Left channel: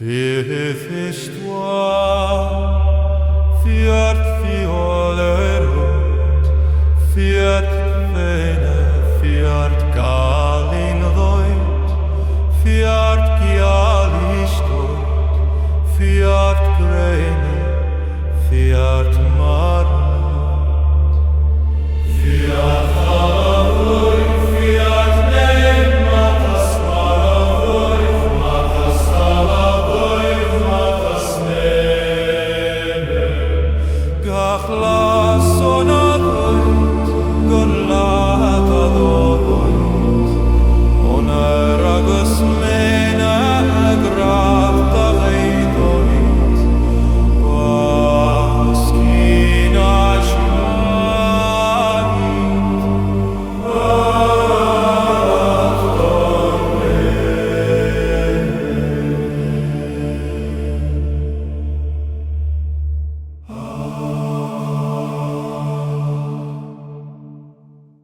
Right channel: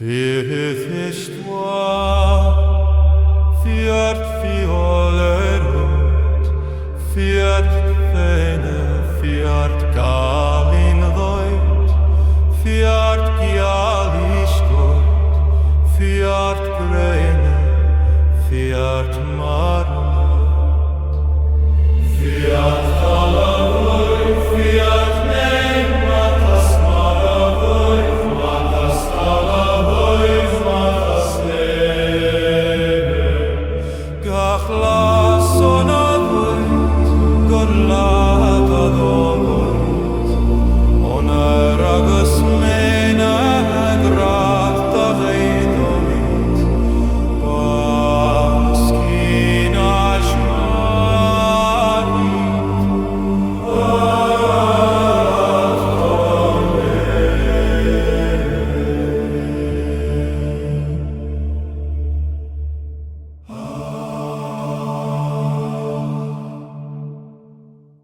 Histoire, fiat fiolerut, fiat fene, fiat galin voit, fiat gialistot, fiat grene, fiat mar